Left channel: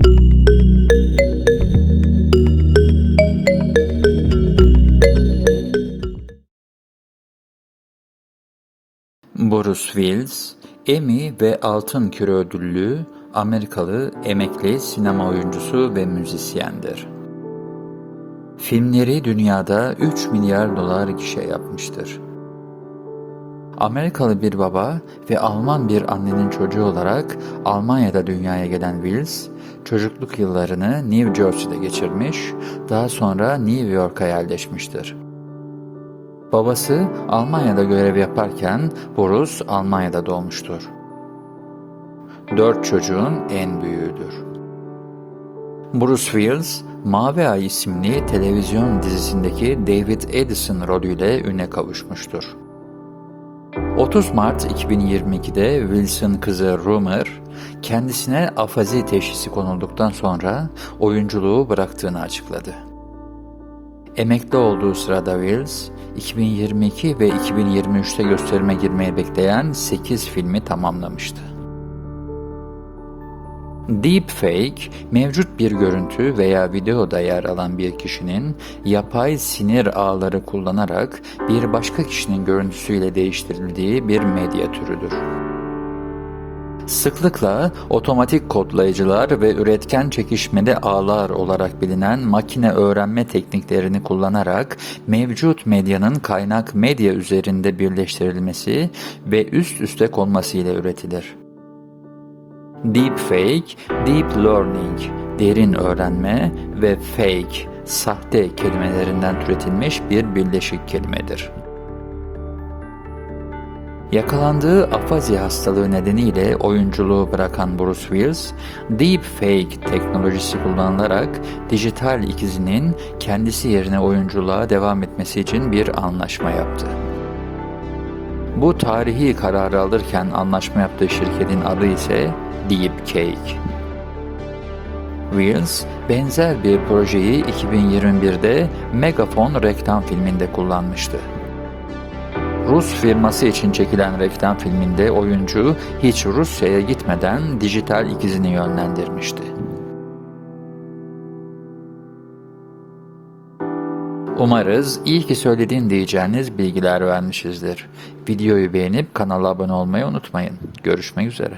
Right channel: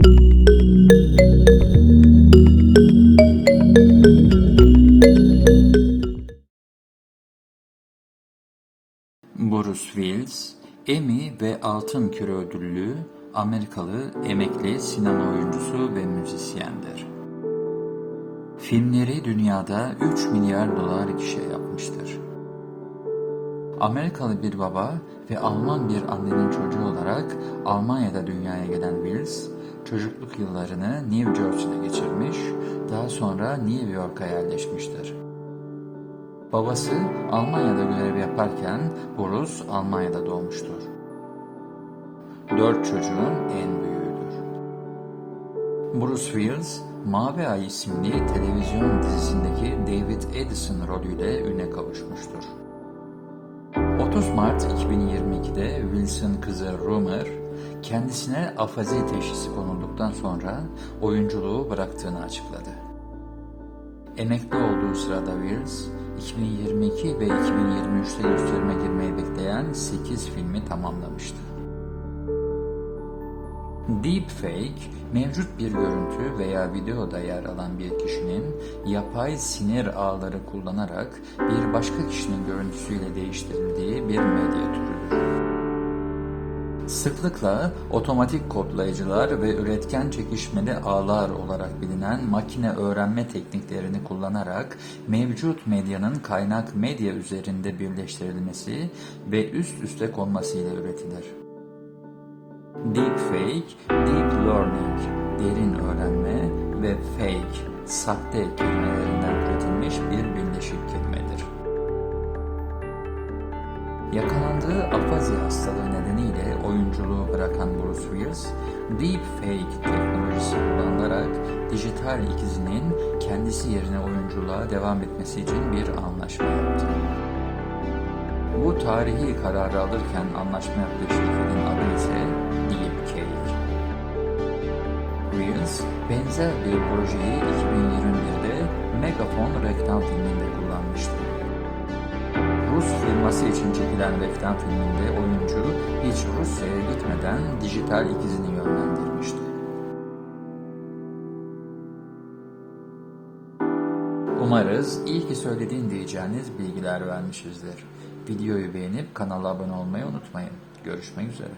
Bruce Willis, Emmy ve Altın Küre ödüllü Amerikalı emekli sinema oyuncusu ve müzisyendir. Filmleri dünyada 3 milyar dolar gişe yapmıştır. Amerikalı bir baba ve Alman bir annenin çocuğu olarak Almanya'da dünyaya gelen Wills, çocukluk yıllarını New Jersey'de geçirmiş, daha sonra New York'a yerleşmiştir. Babası Almanya'da görev yaparken Bruce Almanya'da doğmuştur. Dört çocuğun en büyüğüdür. Bruce Willis, Mavi Ay isimli televizyon dizisindeki David Edison rolüyle üne kavuşmuştur. 30 Mart 2022'de Wilson kızı Rumor, kendisine afazi teşhisi konulduktan sonra oyunculuğu bıraktığını açıkladı. Emekli olduğu sırada Wills, 2022 ve 2023'te gösterime girmeyi bekleyen 8 filmi tamamlamıştı. Deepfake, mevcut bir görüntü veya videoda yer alan bir kişinin yapay sinir ağları kullanarak bir başka kişinin görüntüsüyle değiştirildiği bir medya türüdür. Sıklıkla otomatik kodlayıcılar ve üretken çekişmeli ağlar olarak bilinen makine öğrenme tekniklerini kullanarak mevcut medyanın kaynak medya üzerinde birleştirilmesi ve üst üste konması ile üretilir. Deepfake, deep learning, derin öğrenme ve fake, sahte kelimelerinden türetilmiş bir birleşik kelimedir. Yakalandığı afazi hastalığı nedeniyle oyunculuğu bırakan Bruce Willis, deepfake teknolojisi kullanılarak dijital ikizinin kendisi yerine oyunculuğa devam etmesi için bir anlaşma yaptı. Bu tarihi kararı alırken anlaşma yaptığı şirketin adı ise Deepcake. Wills, benzer bir projeyi 2021'de Megafon reklam filminde kullanmıştı. Rus firması için çekilen reklam filminde oyuncu hiç Rusya'ya gitmeden dijital ikizini yönlendirmişti. Umarız iyi ki söylediğin diyeceğiniz bilgiler vermişizdir. Videoyu beğenip kanala abone olmayı unutmayın. Görüşmek üzere.